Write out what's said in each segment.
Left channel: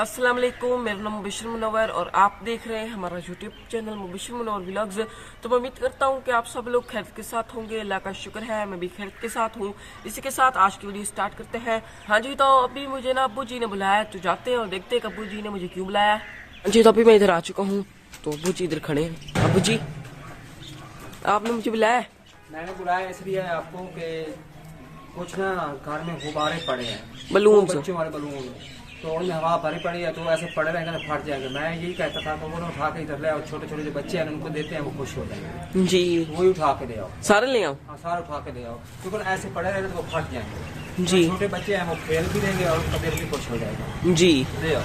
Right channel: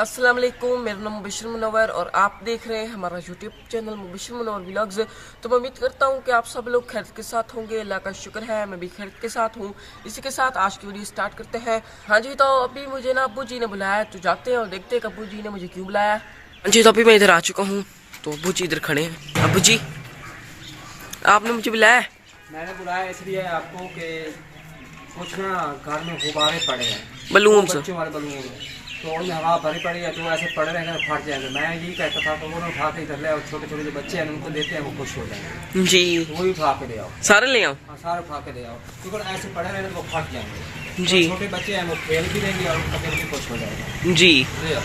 अस्सलाम वालेकुम, मेरा नाम मुबशर मुनव्वर और आप देख रहे हैं हमारा YouTube channel Mubashar Munawwar vlogs. तो मैं उम्मीद करता हूं कि आप सब लोग खैरियत के साथ होंगे। अल्लाह का शुक्र है मैं भी खैरियत के साथ हूं। इसी के साथ आज की वीडियो स्टार्ट करते हैं। हाँ जी, तो अभी मुझे ना अब्बू जी ने बुलाया, तो जाते हैं और देखते हैं अब्बू जी ने मुझे क्यों बुलाया। हाँ जी, तो अभी मैं इधर आ चुका हूँ, तो अब्बू जी इधर खड़े हैं। अब्बू जी, आपने मुझे बुलाया? मैंने बुलाया इसलिए आपको कि कुछ ना घर में गुब्बारे पड़े हैं, बलून बच्चों वाले बलून, तो उनमें हवा भरी पड़ी है, तो ऐसे पड़े रहेंगे तो फट जाएंगे। मैं यही कहता था कि वो उठा के इधर ले आओ, छोटे छोटे जो बच्चे हैं उनको देते हैं, वो खुश हो जाएंगे जी। तो वही उठा के ले आओ, सारे ले आओ? हाँ सारे उठा के ले आओ, क्योंकि ऐसे पड़े रहेंगे तो वो फट जाएंगे जी। छोटे बच्चे हैं वो खेल भी लेंगे और उनका दिल भी खुश हो जाएगा जी। ले आओ।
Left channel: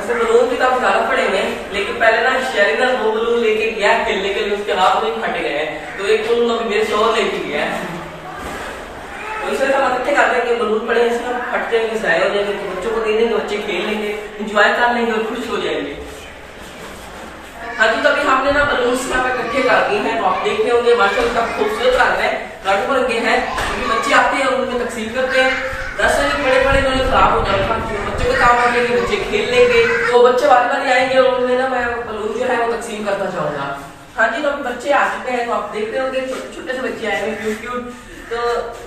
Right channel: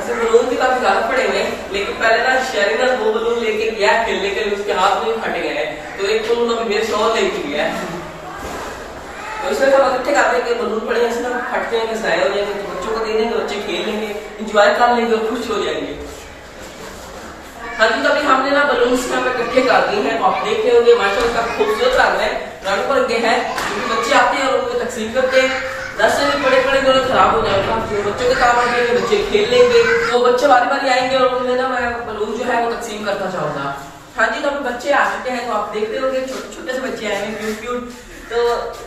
ऐसे बलून भी काफी ज्यादा पड़ेंगे, लेकिन पहले ना शेरिंग वो बलून लेके गया खेलने के लिए, उसके हाथ में फट गए, तो एक बलून अभी मेरे शोर लेके गया है। तो इसमें हम इकट्ठे करते हैं कि बलून पड़े हैं, इसमें फट जाएंगे, ज़ाया हो जाएंगे, तो बच्चों को दे देंगे, बच्चे खेल लेंगे, एंजॉय कर लेंगे और खुश हो जाएंगे। हाँ जी, तो अभी हमने ना बलून इकट्ठे कर दिए हैं, तो आप देख रहे होंगे माशाल्लाह का खूबसूरत रंग है, रंग बिरंगे हैं। बच्चे आते हैं और उनमें तकसीम करते हैं, दस नहीं बड़े बड़े जो खराब हो जाएगा, बच्चों के काम आएंगे, बच्चे खेल लेंगे, तो बच्चे बारी बारी आएंगे और उन्हें ना मैं बलून जो है वो तकसीम करना चाहूंगा। हाँ जी, तो अभी बच्चे आ चुके हैं, तो आप देख रहे होंगे छोटे छोटे से बच्चे आए हैं, क्यूट क्यूट। तो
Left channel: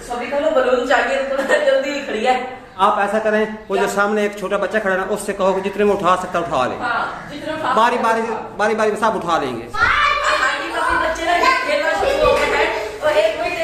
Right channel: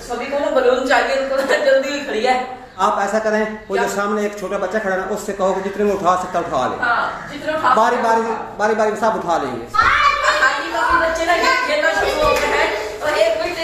सभी को ना बलून चाहिए, तो जल्दी खड़ी है। आप ऐसा करें, वो जो सामने एक छोटा बच्चा खड़ा है ना, उससे कहो कि जितने में उठा सकता उठा ले। हाँ, जितने उठा बारी बारी सब उठा लेंगे। हाँ जी, तो अभी बच्चे ना खेलना शुरू हो गए हैं, और एक मिनट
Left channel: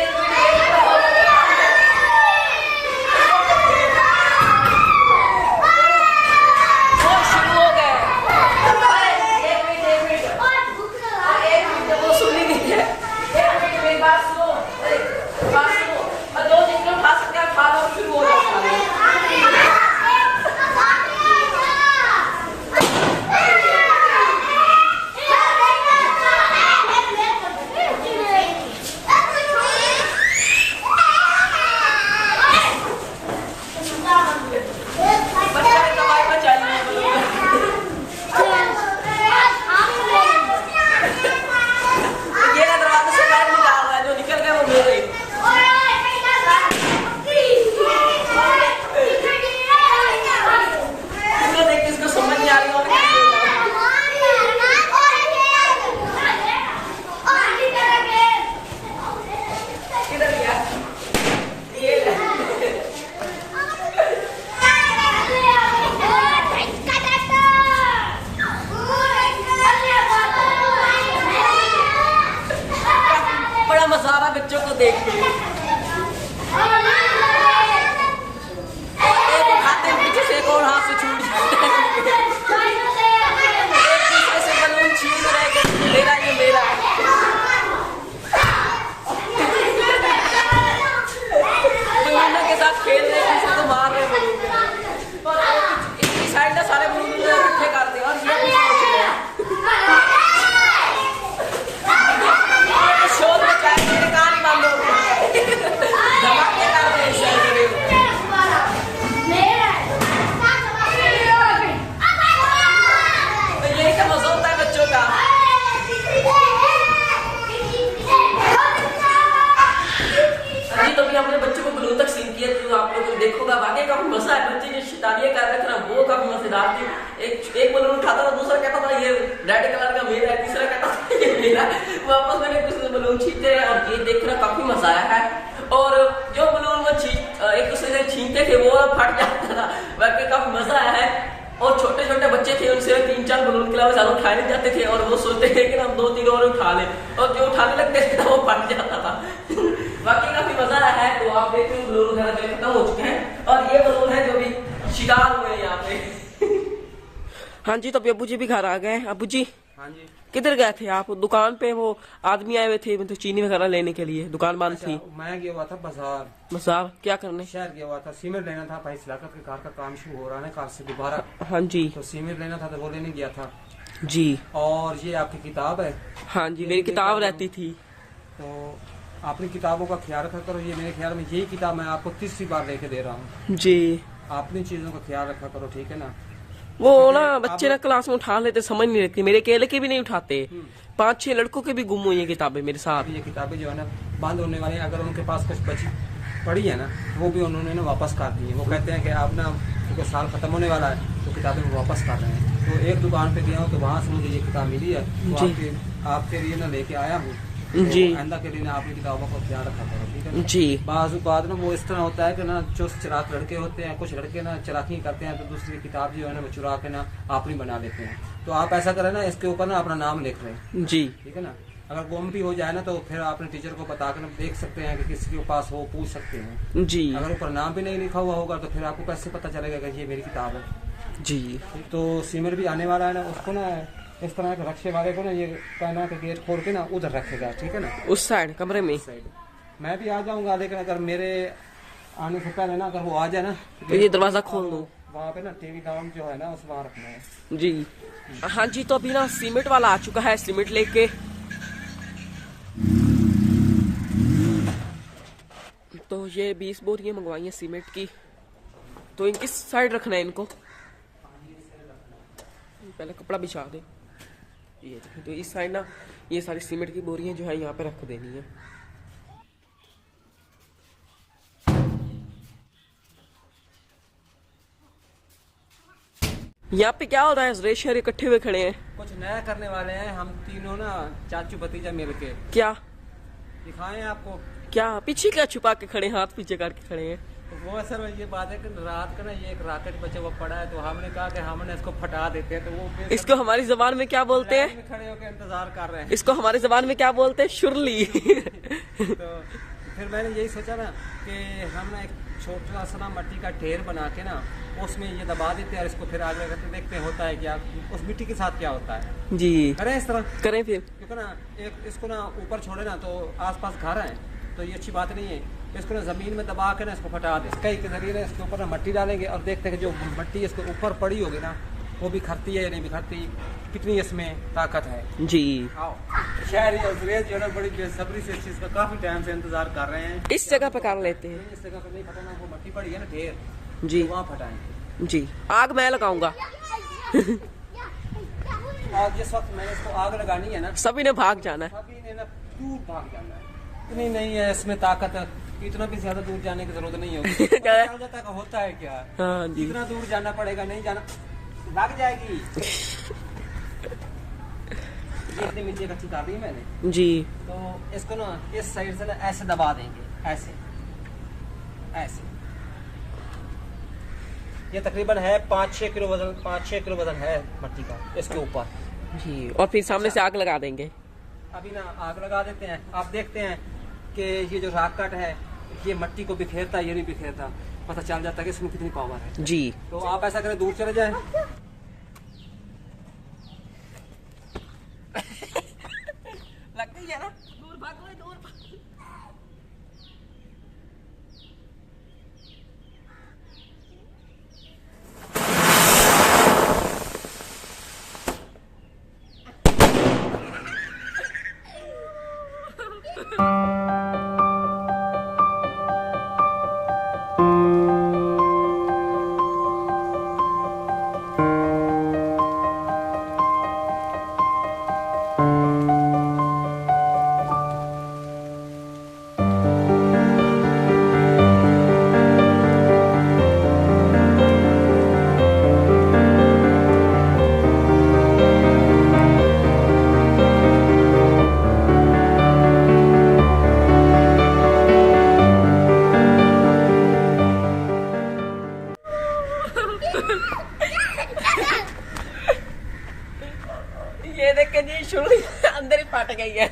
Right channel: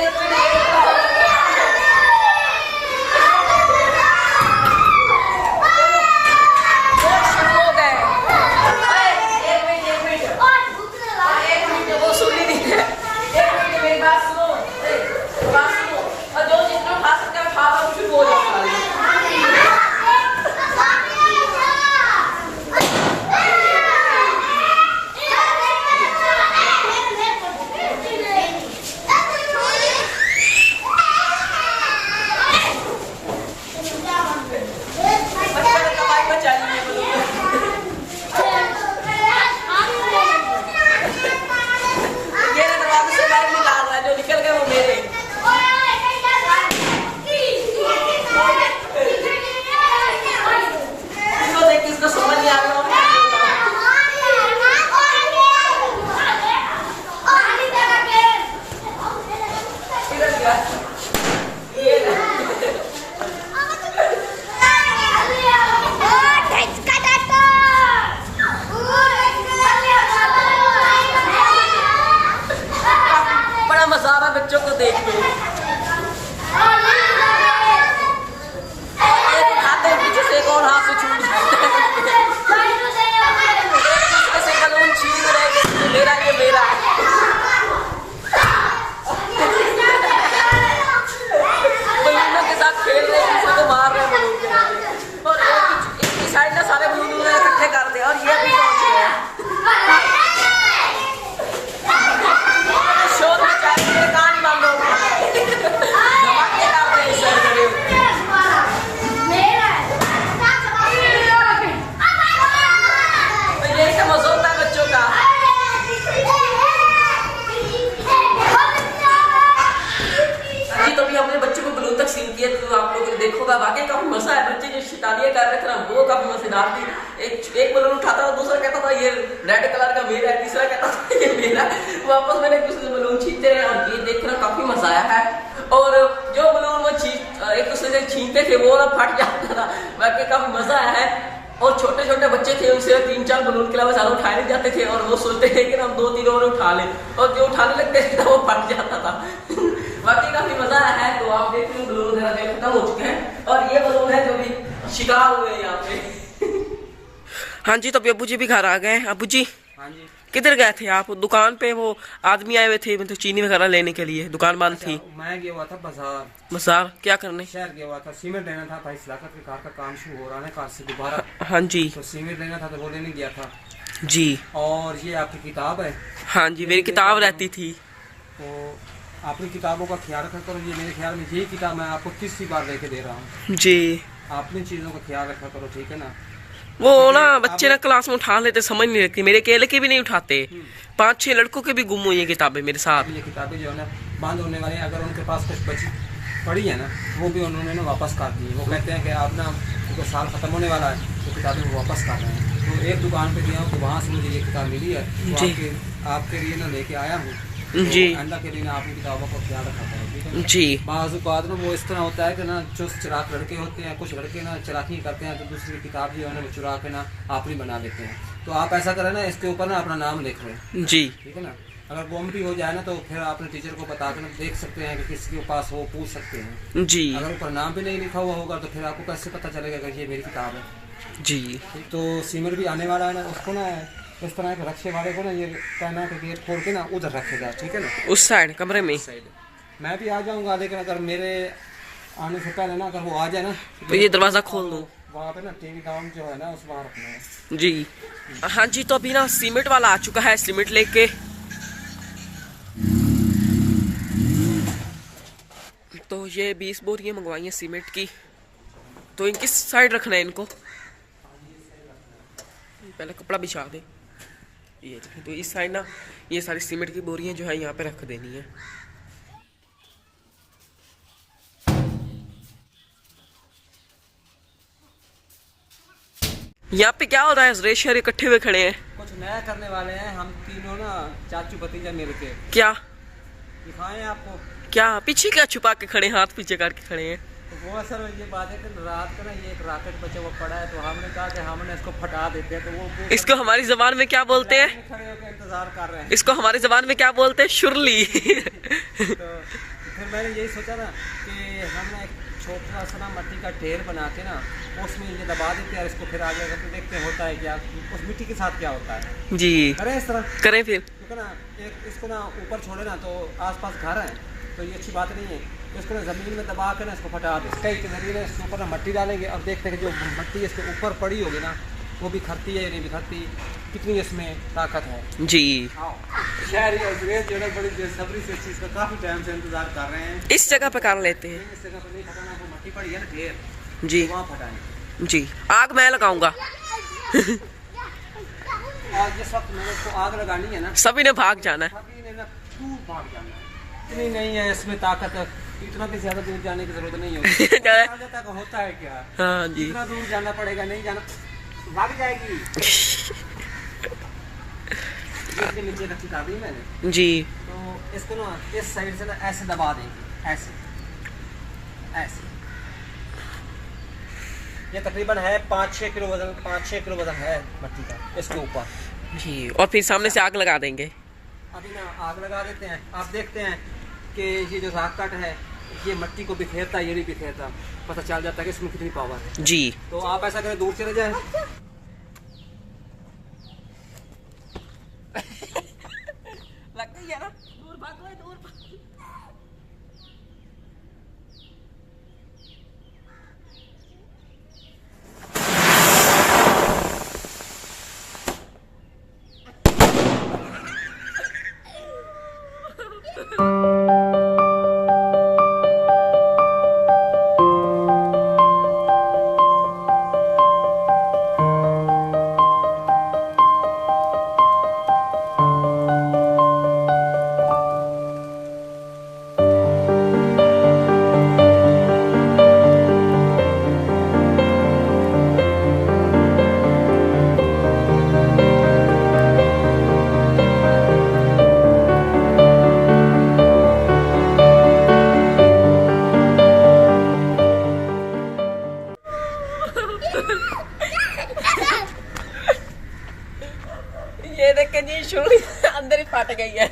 मजा आ रहा बच्चों को देख के। एक उठाते हैं पीछे से, एक और हाथ से छूट से बलून छीन रहे, मेरा ये मेरा। बलूनों के साथ खेल रहे हैं, किसी को मार रहे हैं बलून के, और एक साइड ना सारे बलून इकट्ठे करते हैं, और ये अपने बच्चों को बलून तक सीन किया, तो आप लोग देखोगा वाकई काफी मजा है। बच्चे जो शैतानियां कर रहे थे ना, वो काफी मजेदार थी। एक बलून उठाता था, दूसरा कहता था ये रेड कलर का मेरा है, तीसरा कहता था ये मेरा। वापस मैंने कुछ बलून छीनते हैं और ये देखना काफी मजा आया है। और जो बलून वो एक दूसरे से छीनते थे वो फट जाता था, वाकई काफी मजा आया है। और छोटे छोटे बच्चे थे, उनसे 3-4 बलून के अलावा ज्यादा उठाए नहीं जाते थे, और वो सोचते थे कि हम 2-3 और उठा लें, और जो उठाने लगते थे वो फट जाता था। वाकई काफी मजा आया है। तो आप देखते हैं बलून वगैरह खत्म हो चुके हैं, और ये बलून है जो भी शिकार हुए हैं यहाँ पे। हाँ जी, तो अभी अब्बू जी भी घर आ गए। अब्बू जी, हाँ जी, किधर गए थे आप? दुकान पे वो आदमी आए हुए थे, मतलब चीनी वगैरह लेने के लिए, दुकान बंद थी। मैं गया हुआ था बाजार। बाजार क्या करने? शहर गया हुआ था, सीमेंट लेना था भाई, इलाका के घर का काम शुरू हो रहा है कार से दोबारा। हाँ जी, तो सीमेंट लेना था, तो वो लेने गया था जी। और ये आपकी किताब है? हाँ जी, मेरी किताब रहती थी। तो अपनी किताबों का ख्याल रखा करो। ये मेरे ख्याल में यही किताब मैं आपको तीसरी बार लेके दे रहा हूँ जी। अपनी चीजों का ख्याल रखा करो, ठीक है ना। वो ना बच्चे ना क्लास में उठा लेते, समझ नहीं लगती, मेरे अकेले के भी नहीं उठाते, 5-6 लड़कों के भी गुम हुई है किताबें मेरे साथ। ये किताबें जो है ना बंद होने वाली, अगर उनके पास कुछ बची पड़ी है ना, वो भी उन्होंने ना वापस कर दी है। वो कहते हैं कि आप ना क्योंकि साल ख़त्म होने वाला है तो किताबें वो वापस कर रहे हैं। तो एक दुकान पे गया हूँ तो वहाँ से मुझे ये किताब मिली है, तो आपके लिए ना लेके आया हूँ। जी। तो आइंदा के लिए ना अपनी किताबों का ख्याल रखा करो, ठीक है। जी। बाज़ ना वो इस तरह होता है कि ना जो चलाक लड़के होते हैं, कुछ लड़के ना चलाकी करते हैं तो दूसरी किताब जो है ना वो चुरा के ना अपनी बना लेते हैं। तो आप ऐसा करें ना, इसके ऊपर ना अपना नाम लिख लें, जी। ठीक है ना। अगर गुम भी हो जाए ना तो फिर अपने टीचर को बता कर देख सकते हैं कि किसी के पास हो, पूछ सकते हैं। जी। अगर ऊपर नाम भी नहीं लिखा हुआ होगा तो फिर आपको कैसे पता चलेगा कि ये मेरी किताब है। जी। तो सीमेंट भी आने वाला है ना, उसको ना इस तरह के रक्शे वाले को ना ये कहना है कि गेट खोल के ना उधर रखेगा, ठीक है ना, उस साइड कमरे में। साइड मैं भी आ जाऊंगा, लेकिन अगर मेरे आने से पहले ना अगर वो आ जाए ना तो ये दरवाज़ा खोल दूँ। वहाँ पे ना टीवी डाउन जो है ना उस वहाँ रखना है। जी। हाँ जी, तो अभी ना सीमेंट वाला आ चुका है सीमेंट लेके। तो ये 20 बोरियाँ मंगवाई हैं सीमेंट की। तो इनकी साइड रखना है इनको, पहले कपड़ा बिछा दे। ये देखिए, तो इस साइड ना ये सारी सीमेंट की बोरियां जो है यहाँ पे रख देनी है। यहाँ पे क्या हो रहा है? रेश शहर इकट्ठे हुए खड़े हैं, कुछ नया करने वाले हैं हम तीनों ना, चाचू भतीजा मिल के। क्या दिखाएं आपको? क्या पीछे क्या छुपा के खड़े, हाथ पीछे करके खड़े हैं? तो वो सर ये बात है कि रात का ना ये एक रॉकेट बचा हुआ पड़ा है, तो हमने कहा कि हमने इसको फटा देते हैं। तो वो इसको हमारी जबान में क्या बोलते हैं? खड़े होकर इंतजार कर रहे हैं। इसको हमारी जबान में क्या बोलते हैं? शुरली। तो फिर मैंने यही सोचा ना कि हम ना एक छोटा सा ना मिट्टी का ढेर बना के ना उसमें ये दबा देते हैं और इसको फिर आगे करके देखते हैं होता है क्या, उस मिट्टी के साथ क्या होता है। जी। करें इस तरह करें फिर। क्योंकि ना एक इसको ना ऊपर छोड़े ना तो आसपास घर हैं, तो ये अच्छी बात नहीं है। इसको ना ज़मीन में दबा के ना इसको फटा दे, कई के जरिए ना इसके ऊपर ना मिट्टी डालेंगे और देखते हैं कि जो मिट्टी इसके ऊपर पड़ी होगी ना वो बिखरती है या नहीं बिखरती, कितनी इसमें ताकत है। जी। शहरी और अंग्रेज जो है बड़ी बेसब्री से इस चीज़ का काफ़ी टाइम से इंतजार कर रहे हैं। इस जगह पे कर लेते हैं। इस जगह पर नहीं फटाना, वो मिट्टी पड़ी है ना ढेर, जी। वहाँ फटाएंगे। जी। आग मैं लगाऊंगा। आज जिस वक्त मैंने इसको आग लगानी है ना, सभी ने भाग जाना है। सभी ने ना दूर भाग जाना है। इतनी नहीं है इसमें ताकत, इतना भी ज्यादा दूर जाने की जरूरत नहीं होती। तक होता है क्या? हाँ जी। इतना दूर जाना पड़ेगा, नहीं जाना लग जाएगी। ये नीचे रखी था दी मैंने जी। तो इसको ना इस साइड से ना ऐसे दबा देंगे, ऐसे ऐसे। ये तकरीबन है 5-6 किलो वजन, 5-6 किलो वजन है मिट्टी का इसके ऊपर। जी। और फिर सामने से आग लगा देंगे। अभी ना आग लगा देते हैं, आप देखते हैं कि ये जो रॉकेट है ये मिट्टी को बिखेरता है, ये नहीं बिखेरता, पता चल जाता है कि इसमें कितनी पावर है। जी। तो आप ऐसा करें, दूर चले जाएं। लग गई है ना? दूर भागो, दूर भागो। ये देख के नहीं शुरू अंदर ही फट गई है।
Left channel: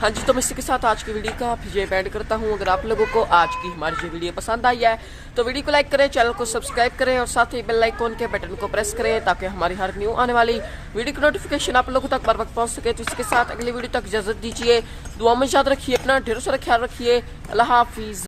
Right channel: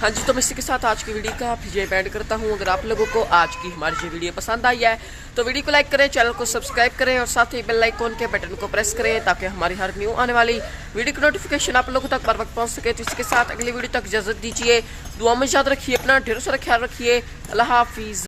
हाँ जी, तो मैं इसी के साथ आज की वीडियो का ये एंड करता हूँ। अगर आप लोगों को आज की हमारी ये वीडियो पसंद आई है तो वीडियो को लाइक करें, चैनल को सब्सक्राइब करें और साथ ही बेल आइकॉन के बटन को प्रेस करें ताकि हमारी हर न्यू आने वाली वीडियो की नोटिफिकेशन आप लोगों तक बर वक्त पहुँच सके। तो इसी के साथ अगली वीडियो तक इजाजत दीजिए। दुआ में याद रखिए, अपना ढेरों सारा ख्याल रखिए। अल्लाह हाफिज़।